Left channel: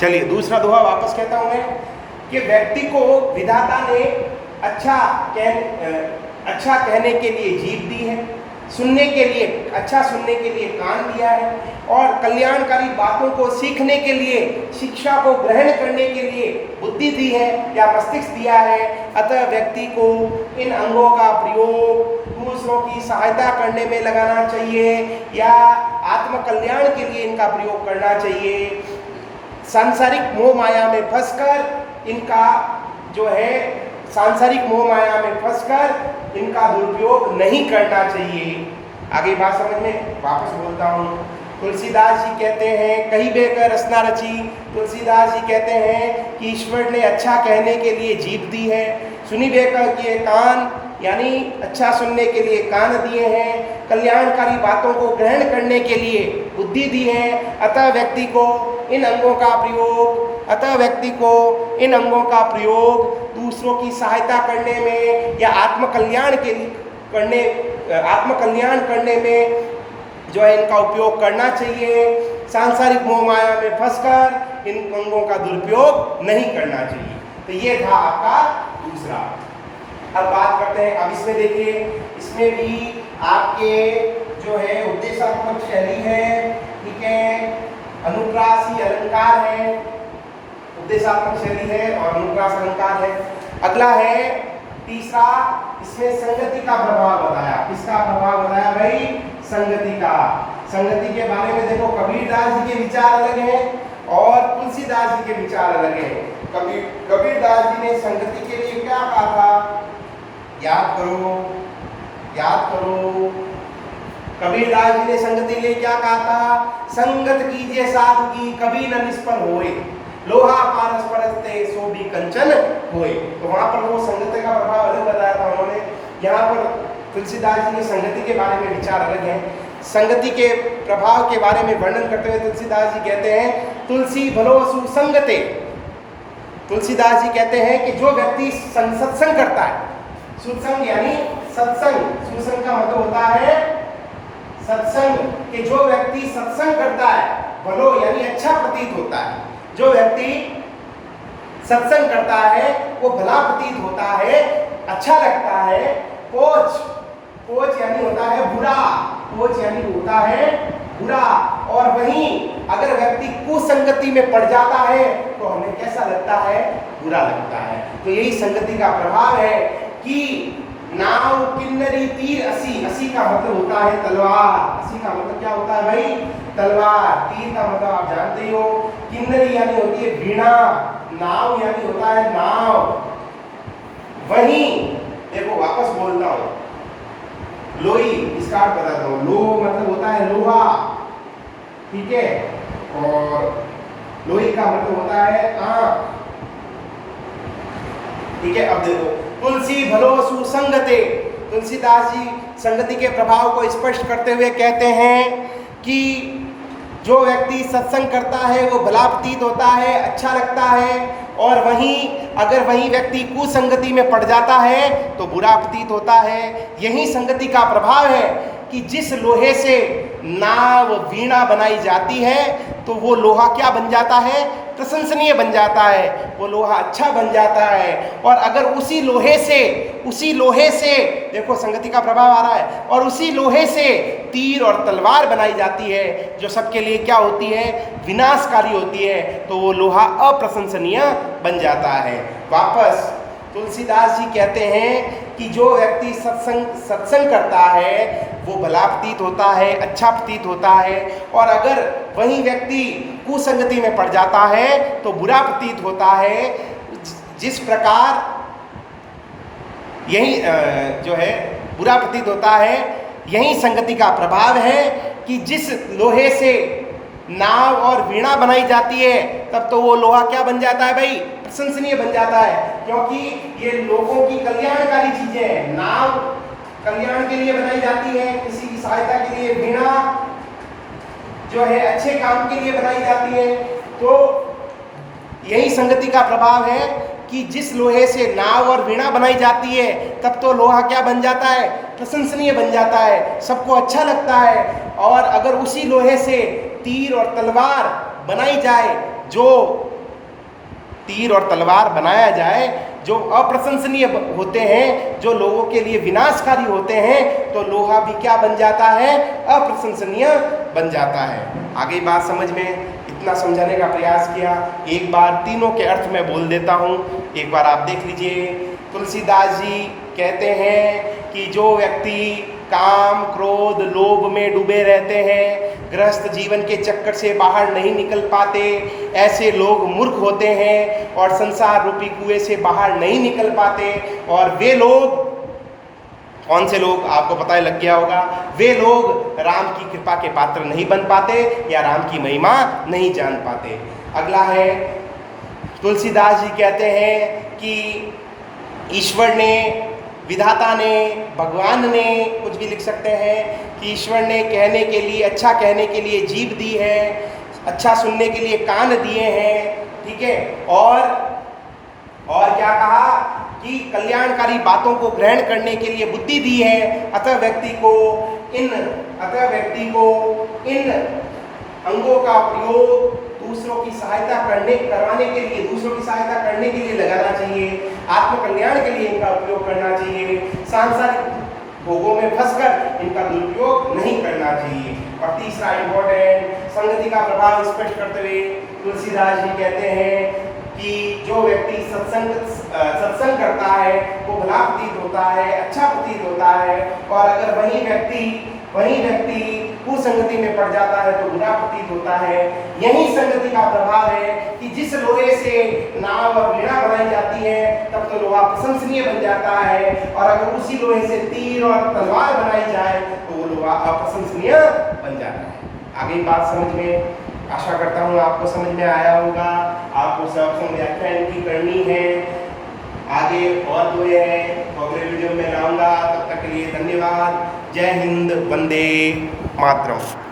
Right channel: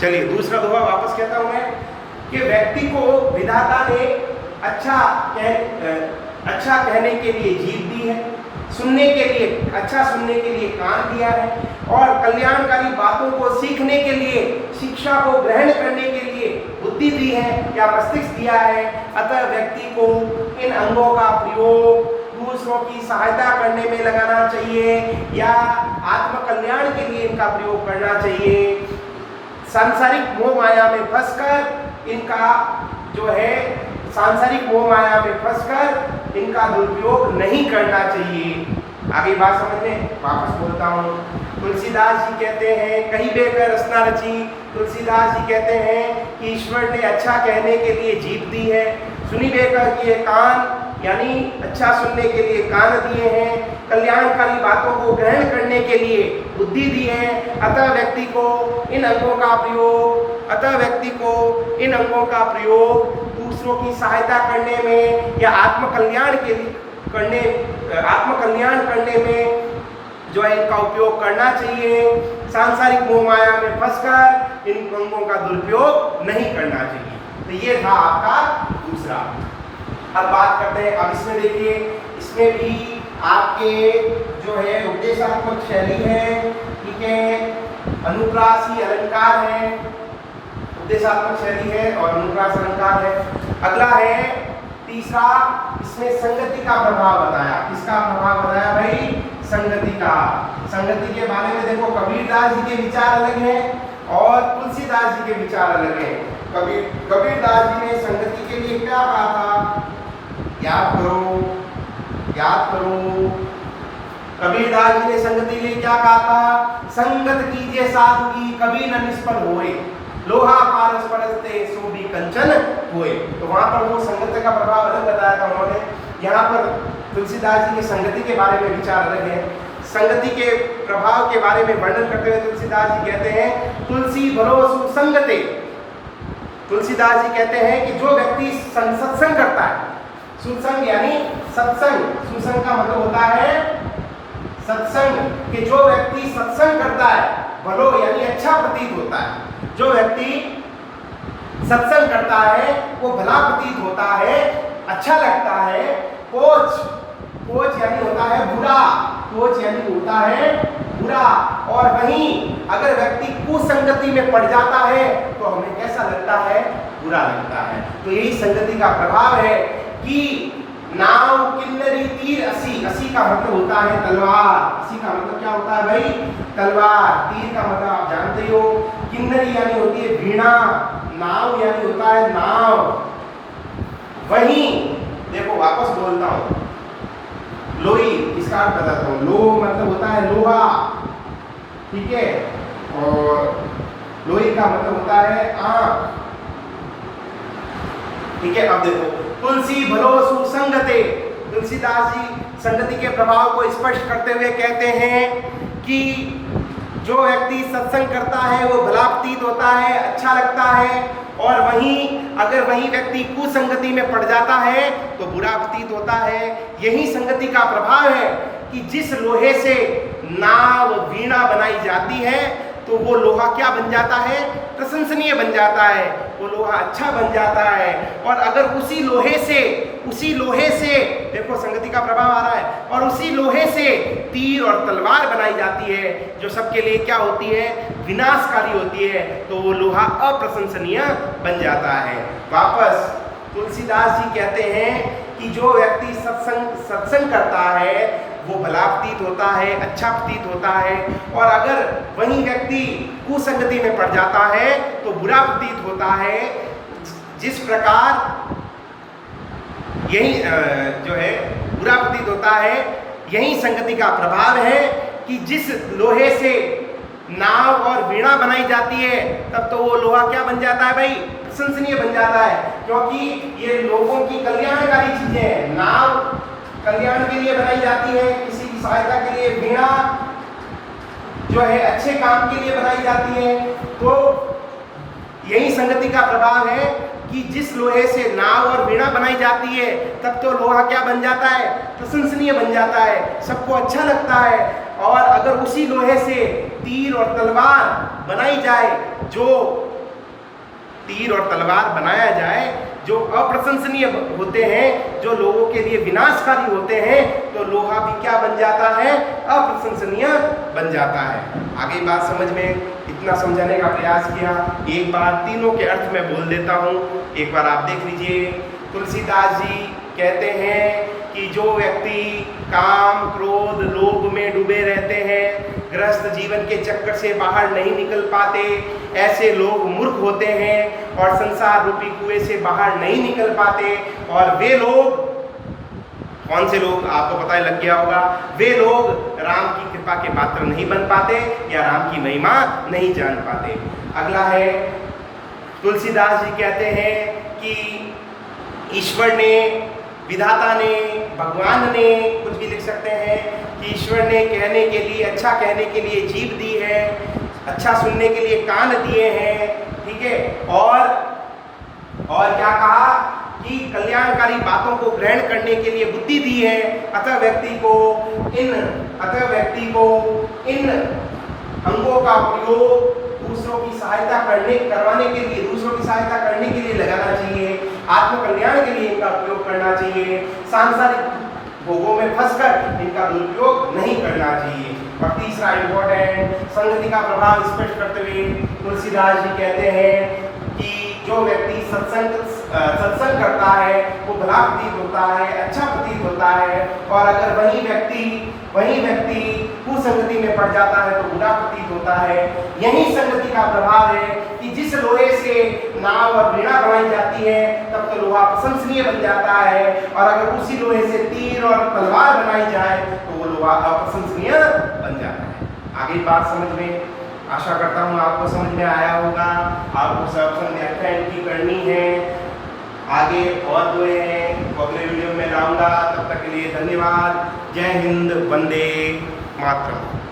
चलिए दूसरा दोहा वापस कहता हूं मैं कि व्यक्ति को विधाता ने अच्छा कहने के लिए जीभ दी है, सुनने के लिए अच्छा सुनने के लिए कान दिया है, और कल्याणकारी बातों को सीखने के लिए, शिक्षा को ग्रहण करने के लिए बुद्धि दी है या मस्तिष्क दिया है। अतः व्यक्ति को इन अंगों का प्रयोग दूसरों की सहायता करने में लगाना चाहिए या आत्म कल्याण के लिए इनका प्रयोग करना चाहिए। सांसारिक मोह माया में फंसकर इनका जो है सांसारिक मोह माया में फंसकर इनका दुरुपयोग नहीं करना चाहिए। आगे बात समझ में वापस बोलता हूँ। तुलसीदास जी कहते हैं, कही बेकर रचना रची। तुलसीदास जी कहते हैं कि ईश्वर ने अच्छा कहने के लिए जीभ दी है, सुनी बेकर किए कान, यानी अच्छा सुनने के लिए कान दिए हैं, कल्याणकारी बातों को ग्रहण करने के लिए बुद्धि दी है। अतः व्यक्ति को इन अंगों का प्रयोग दूसरों की सहायता करने में या आत्म कल्याण करने में जो है इनका उपयोग करना चाहिए। सांसारिक मोह माया में फंसकर इन अंगों का दुरुपयोग नहीं करना चाहिए। तो ये था आपका दूसरा। अब बात करते हैं, अब इसमें देखिए, इसमें भी आपके जो है उपदेशात्मक शैली है, ठीक है, अनुप्रासी अलंकार है, उपदेशात्मक शैली है और अनुप्रास अलंकार है। अगला है तीसरा, इसमें संगति का प्रभाव बताया। किसका प्रभाव बताया भाई? संगति का। संगति के बारे में देखो, कबीरदास जी के विचार अलग हैं और तुलसीदास जी के विचार अलग हैं। कबीरदास जी ने संगति के लिए क्या कहा था? याद करो। कबीरदास जी ने संगति के लिए क्या कहा था? संगत कीजिए साधु की, कभी न निष्फल होए, लोहा पारस परस्ते सो भी कंचन होए। तो वहां पर वो संगति का प्रभाव अलग बताया था उन्होंने। यहाँ पर तुलसीदास जी के संगति के बारे में विचार अलग है। संगति के प्रभाव के बारे में वर्णन करते हुए तुलसीदास जी कहते हैं, तुलसी भलो सुसंगते। तुलसीदास जी कहते हैं कि जो व्यक्ति सत्संग करता है, सुसंग यानी सत्संग, सुसंग का मतलब होता है सत्संग, कि जो व्यक्ति सत्संग करता है, भलो यानी अच्छा प्रतीत होता है। जो व्यक्ति सत्संग करता है वो भला प्रतीत होता है, अच्छा लगता है। कोच यानी होता है बुरा, कोच यानी होता है बुरा। और वहीं अगर व्यक्ति कुसंगति में पड़ जाता है तो हमें कैसा लगता है? बुरा लगता है। तो यही संगति का प्रभाव है कि नाव किन्नरी तीर असी, असी का मतलब होता है तलवार। असी का मतलब क्या होता है भाई? तलवार। तीर का मतलब आप जानते ही हो। किन्नरी यानी होती है वीणा, नाव यानी होता है नाव। वहीं देखो वापस बोलता हूं, लोही, इसका अर्थ बताता हूं। लो मतलब होता है लोहा, ठीक है, और लोही का मतलब होता है आंख, ठीक है। अब देखो, तुलसी भलो सुसंगते। तुलसीदास जी संगति के प्रभाव को स्पष्ट करते हुए कहते हैं कि जो व्यक्ति सत्संग करता है वो भला प्रतीत होता है, अच्छा लगता है। और वहीं अगर वही व्यक्ति कुसंगति में पड़ जाता है तो बुरा प्रतीत होता है। यही संगति का प्रभाव है कि जिस लोहे से नाव वीणा बनाई जाती है तो वो लोहा क्या बन जाता है? प्रशंसनीय बन जाता है, वो लोहा अच्छा बन जाता है। और अगर उसी लोहे से देखो संगति का प्रभाव आ रहा है, और उसी लोहे से तीर और तलवार बनाई जाती है जो सबके लिए क्या होती है? विनाशकारी होती है, तो वो लोहा अप्रशंसनीय बन जाता है। वापस तुलसीदास जी कहते हैं कि जो व्यक्ति सत्संग करता है वो भला प्रतीत होता है, अच्छा प्रतीत होता है। और अगर वही व्यक्ति कुसंगति में पड़ जाता है तो बुरा प्रतीत होता है। जिस प्रकार यही जो है बुरा प्रतीत होता है, यही संगति का प्रभाव है कि जिस लोहे से नाव और वीणा बनाई जाती है तब तो वो लोहा क्या बन जाता है भाई? प्रशंसनीय बन जाता है, क्योंकि ये लोगों की कल्याणकारी चीजें हैं। नाव कल्याण के लिए बनाई जाती है, किसी की सहायता के लिए। वीणा जो है अच्छे काम के लिए बनाई जाती है। तो यही संगति का प्रभाव है कि जिस लोहे से नाव और वीणा बनाई जाती है तब तो लोहा क्या बन जाता है? प्रशंसनीय बन जाता है, सबको अच्छा लगता है। और अगर उसी लोहे से तीर और तलवार बनाई जाए जो तीर और तलवार बनाया जाए, जो अप्रशंसनीय होते हैं, जो लोगों के लिए विनाशकारी होते हैं, तो लोहा भी क्या बन जाता है? अप्रशंसनीय बन जाता है। आगे बात समझ में, इतना समझाने का प्रयास किया। एक बार तीनों के अर्थ में बोल देता हूँ, एक बार आप देख लीजिए। तुलसीदास जी कहते हैं कि जो व्यक्ति काम, क्रोध, लोभ में डूबे रहते हैं, गृहस्थ जीवन के चक्कर से बाहर नहीं निकल पाते, ऐसे लोग मूर्ख होते हैं और संसार रूपी कुएं से बाहर नहीं निकल पाते। और वे लोग, कौन से लोग? आपको पता ही लग गया होगा। वे लोग राम की कृपा के पात्र नहीं बन पाते या राम की महिमा नहीं जान पाते। अगला है, तुलसीदास जी कहते हैं कि ईश्वर ने, विधाता ने, भगवान ने, कुछ भी लिख सकते हैं, कि ईश्वर ने कहने के लिए, अच्छा कहने के लिए जीभ दी है, अच्छा सुनने के लिए कान दिए हैं, ठीक है, और क्या कहा कि कल्याणकारी बातों को ग्रहण करने के लिए बुद्धि दी है। अतः व्यक्ति को इन अंगों का प्रयोग दूसरों की सहायता करवाने के लिए, दूसरों की सहायता करने के लिए लगाना चाहिए, आत्मकल्याण के लिए इनका उपयोग करना चाहिए। सांसारिक भोगों में फंसकर इनका दुरुपयोग नहीं करना चाहिए। और तीसरा इंपॉर्टेंट, संगति का प्रभाव स्पष्ट करते हुए तुलसीदास जी कहते हैं कि जो व्यक्ति सत्संग करता है वो भला प्रतीत होता है, अच्छा प्रतीत होता है, और अगर वही व्यक्ति कुसंगति में पड़ जाता है तो बुरा प्रतीत होता है। यही संगति का प्रभाव है कि जिस लोहे से नाव और वीणा बनाई जाती है तब तो लोहा प्रशंसनीय बन जाता है, और अगर उसी लोहे से तीर और तलवार बनाई जाए तो वो लोहा अप्रशंसनीय बन जाता है। आगे बात समझ में, आशा करता हूँ आपको समझ में आया होगा। आपको सब व्याख्या इनकी करनी है। आगे और जो है अगले वीडियो में लाऊंगा। तब तक के लिए धन्यवाद। जय हिंद, वंदे मातरम।